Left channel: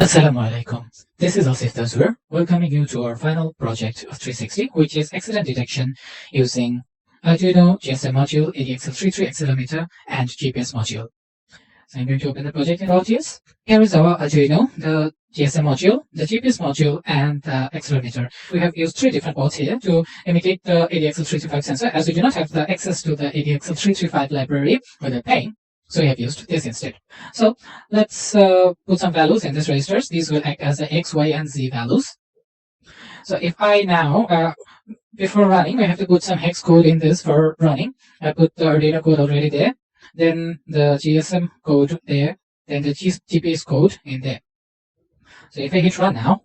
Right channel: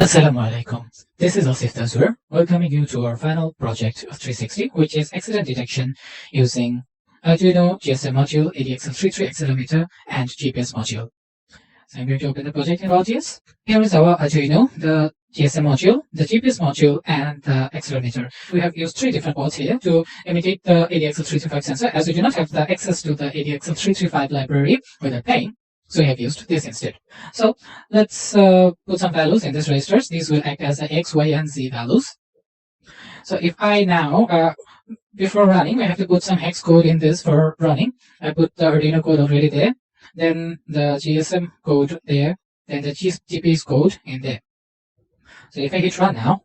Assalamu alaikum. This is Asif Tazur, welcoming you to our final project of 360, which is accident detection using Arduino, GSM module, ADXL335 Accelerometer, and GPS module. So I'm going to open the project in RAW.js. Here is our Arduino, the GSM module, the GPS module, and the accelerometer. We have used three different ports here to imitate the ADXL335 sensor, as we do not have the access to the ADXL335 library without paying. So we have used this instead. So let's put some values in these registers. These will act as X, Y, and Z values. So if I now, before running, I have to put some hex code in this for running. I put the Arduino code already there, then the GSM code there, then the GPS code in there. So if I hit run now,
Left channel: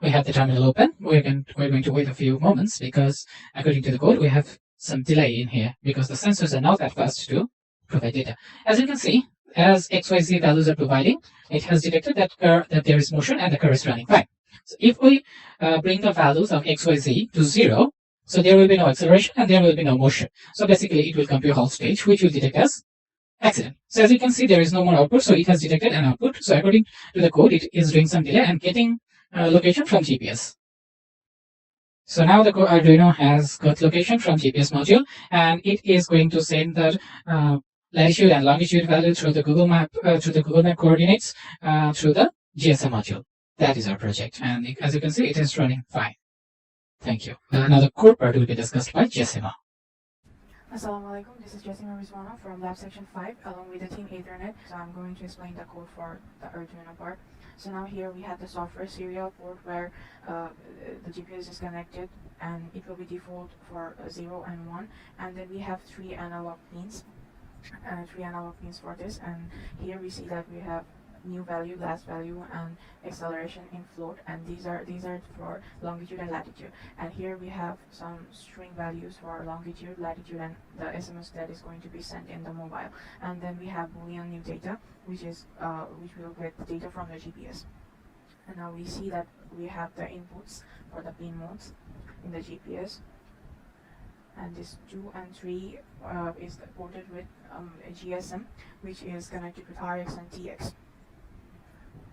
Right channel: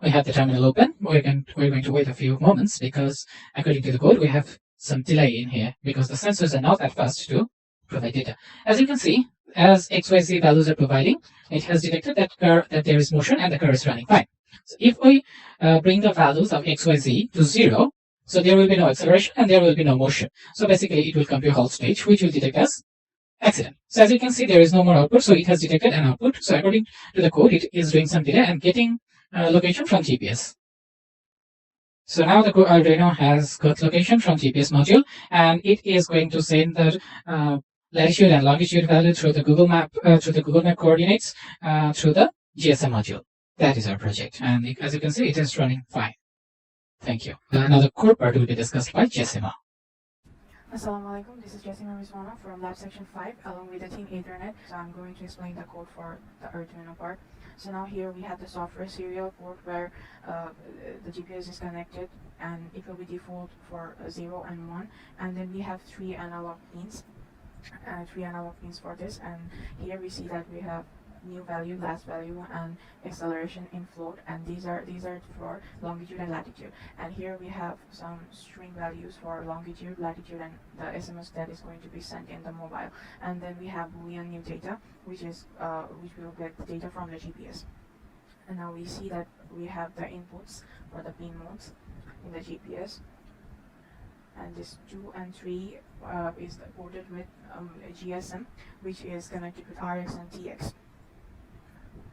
we have the terminal open. We're going to wait a few moments because according to the code, we have some delay in here because the sensors are not that fast to provide data. As you can see, as XYZ values are providing, it has detected that there is motion and the car is running fine. So if we bring the values of XYZ to 0, so there will be no acceleration and there will be no motion. So basically, it will come to a halt stage, which will detect as accident. So as you can see, there is no more output, so it has detected an output. So according to the code, it is doing some delay and getting location from GPS. So now the Arduino has got location from GPS module, and it is going to send the latitude and longitude value through the Google Map coordinates through the GSM module. That is our project, and as you can see, it is running fine. Thank you. Now the core part will be discussed by Jessima. Assalamualaikum, this is Cse360 from Lab Section 5 along with the team Ethernet. So I'm going to explain the code for the Arduino part. So now here we have the software serial port where the GPS is connected and it will be default for 0 and 1, and then we have three analog pins for this, and here we see that we have new value, last value, and acceleration in float, and these are for longitude and latitude. And here we have some string values for longitude, latitude, and the SMS that is going to be sent in the mobile. And then we have Boolean new data, which will get the data from the GPS. And now we see that we have the inputs for the pin modes in the GPS. And this 2 and 3 is ported with GSM, which is connected with RX and TX.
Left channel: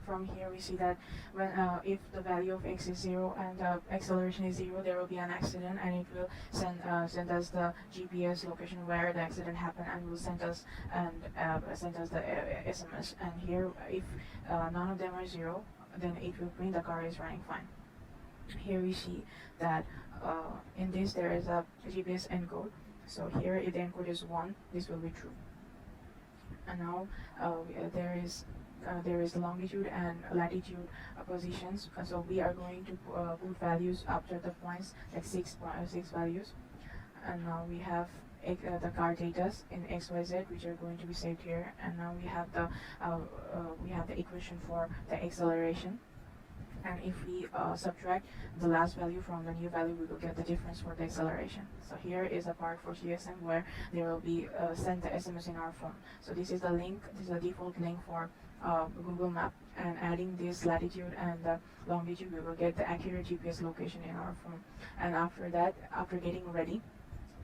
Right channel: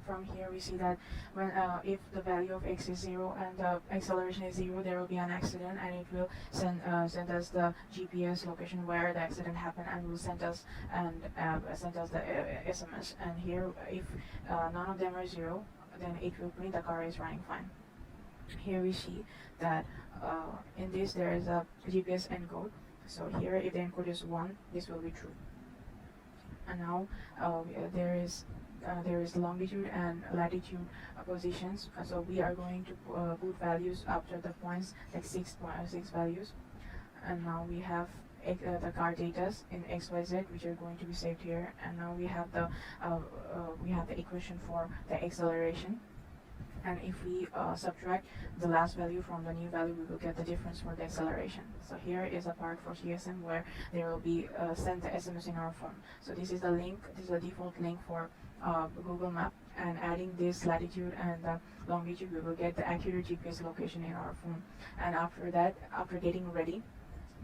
From here we see that when if the value of x is 0 and the acceleration is 0, there will be an accident, and it will send us the GPS location where the accident happened, and will send us the SMS. And here, if none of them are 0, then it will print the car is running fine. Here we see that in this there is a GPS encode. So here, if the encode is 1, this will be true. And now there is longitude and latitude positions. So we are going to put values after the points, like six values. And now we have the car data in XYZ, which are going to be saved here. And now we have the equation for the acceleration. And if we subtract the last value from the new value, we will get the difference for the acceleration. So here is a part for GSM where they will be sent the SMS in our phone. So this is the link, this is the default link for Google Map, and adding this latitude and the longitude, we will get the accurate GPS location in our phone. And after that, after getting ready,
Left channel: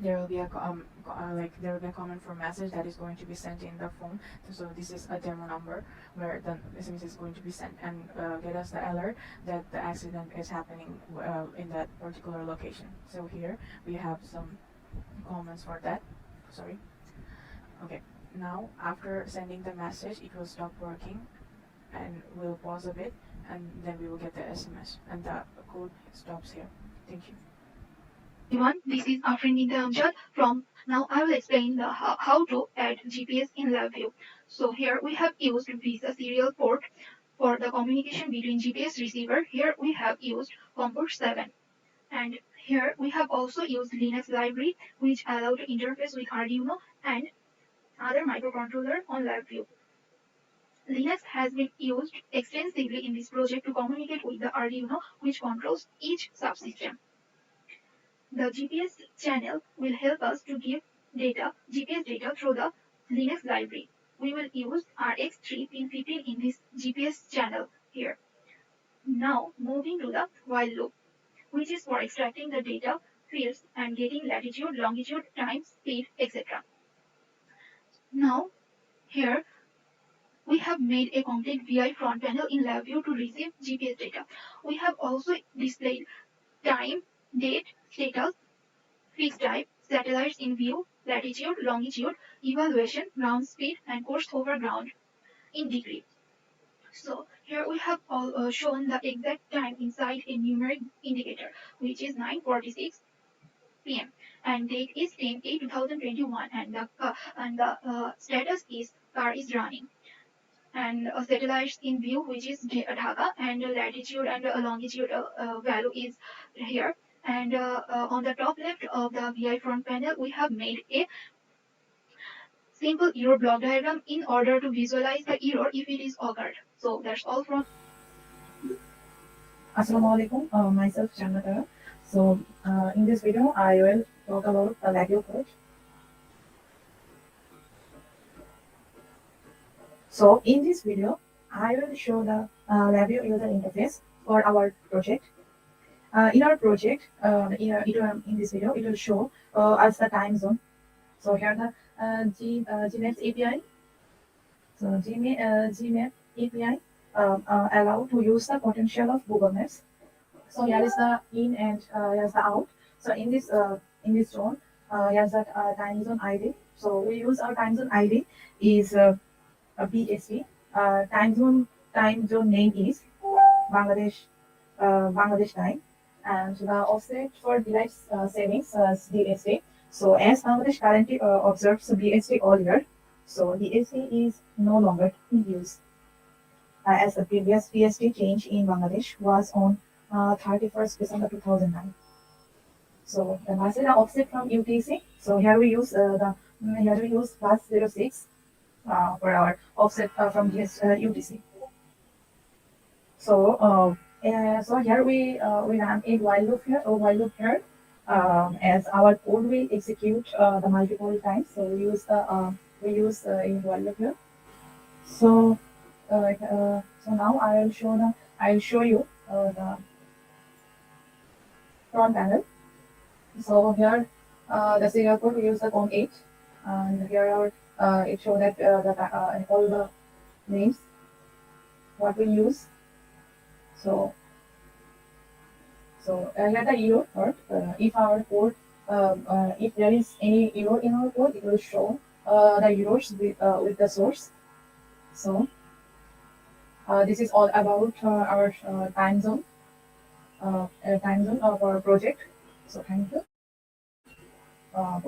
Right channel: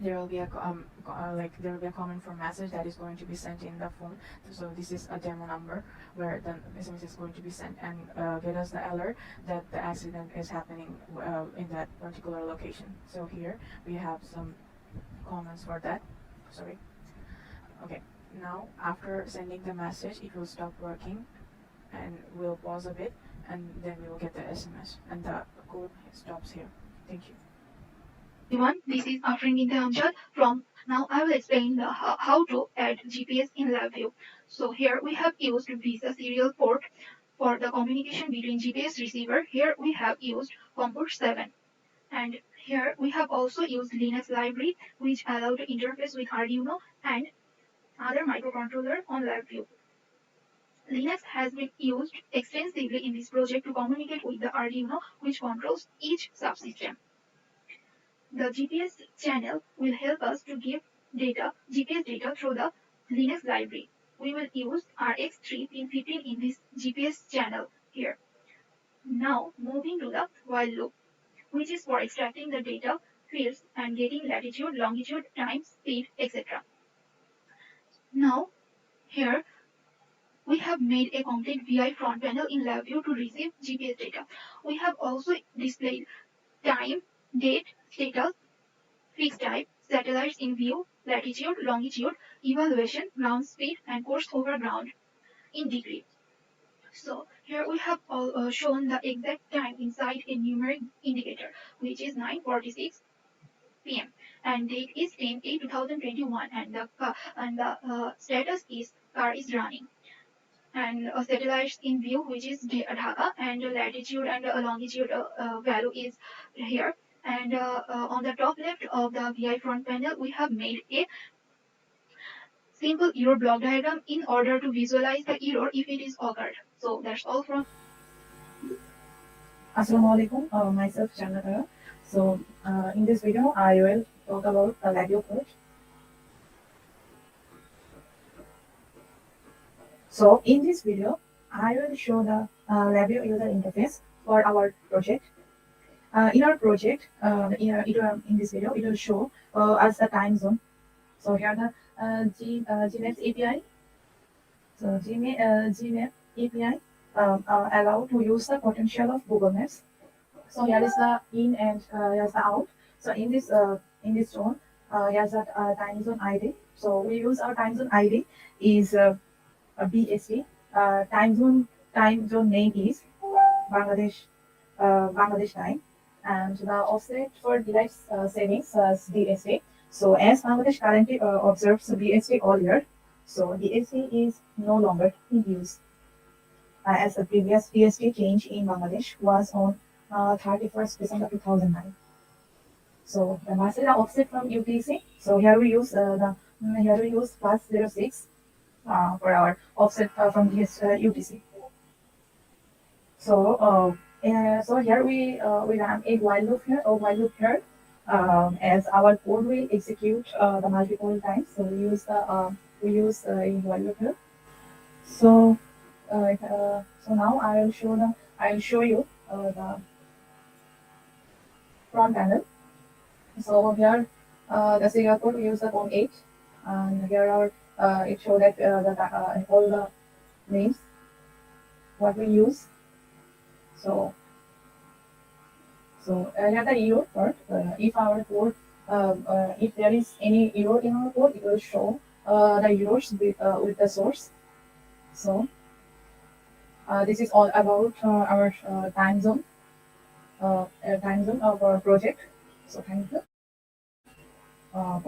there will be a comment for message that is going to be sent in the phone. So this is a demo number where the SMS is going to be sent and get us the alert that the accident is happening in that particular location. So here we have some comments for that. Sorry. Okay. Now after sending the message, it will stop working, and we'll pause a bit, and then we will get the SMS, and the code stops here. Thank you. Everyone, this is Afrinita Amjad from. Now I will explain how to add GPS in Labview. So here we have used Visa serial port for the communication between GPS receiver. Here we have used COM port 7. And here we have also used Linux library, which allow to interface with Arduino and other microcontroller on Labview. Linux has been used extensively in this project to communicate with the Arduino, which controls each subsystem. The GPS channel will help us to give GPS data through the Linux library. We will use RX3 pin 15 in this GPS channel here. Now moving to the while loop, which is for extracting the data fields and getting latitude, longitude, time, speed, etc. Now here We have made a complete VI front panel in Labview to receive GPS data. We have also displayed time, date, status, fixed type, satellites in view, latitude, longitude, evaluation, ground speed, and course over ground in degree. So here we have shown the exact time inside a numeric indicator, which is 9:46 p.m. and date is 10/8/2021, and the status is car is running, and satellites in view, which is Dhaka, and latitude and longitude value is here. And on the top left of the VI front panel, we have made a simple error block diagram in order to visualize the error if it is occurred. So that's all from. Assalamualaikum, myself Janata. So in this video, I will talk about the Labview code. So in this video, I will show the Labview user interface for our project. In our project, in this video, it will show us the time zone. So here the Gmaps API. So Gmap API allow to use the potential of Google Maps. So here is the in and here's the out. So in this zone, here's the time zone ID. So we use our time zone ID is a BST. Time zone name is Bangladesh Bangladesh time, and the offset for daylight savings BST. So as Bangladesh currently observes BST all year, so BST is no longer in use as the previous BST change in Bangladesh was on 31st December 2009. So the master offset from UTC. So here we use +06 for our offset from this UTC. So here we run a while loop here, as our code will execute the multiple times. So we use a while loop here. So now I'll show you the front panel. So here the serial code we use the COM8, and here our it shows that all the names what we use. So here the error part. If our code if there is any error in our code, it will show the errors with the source. So this is all about our time zone of our project. So thank you.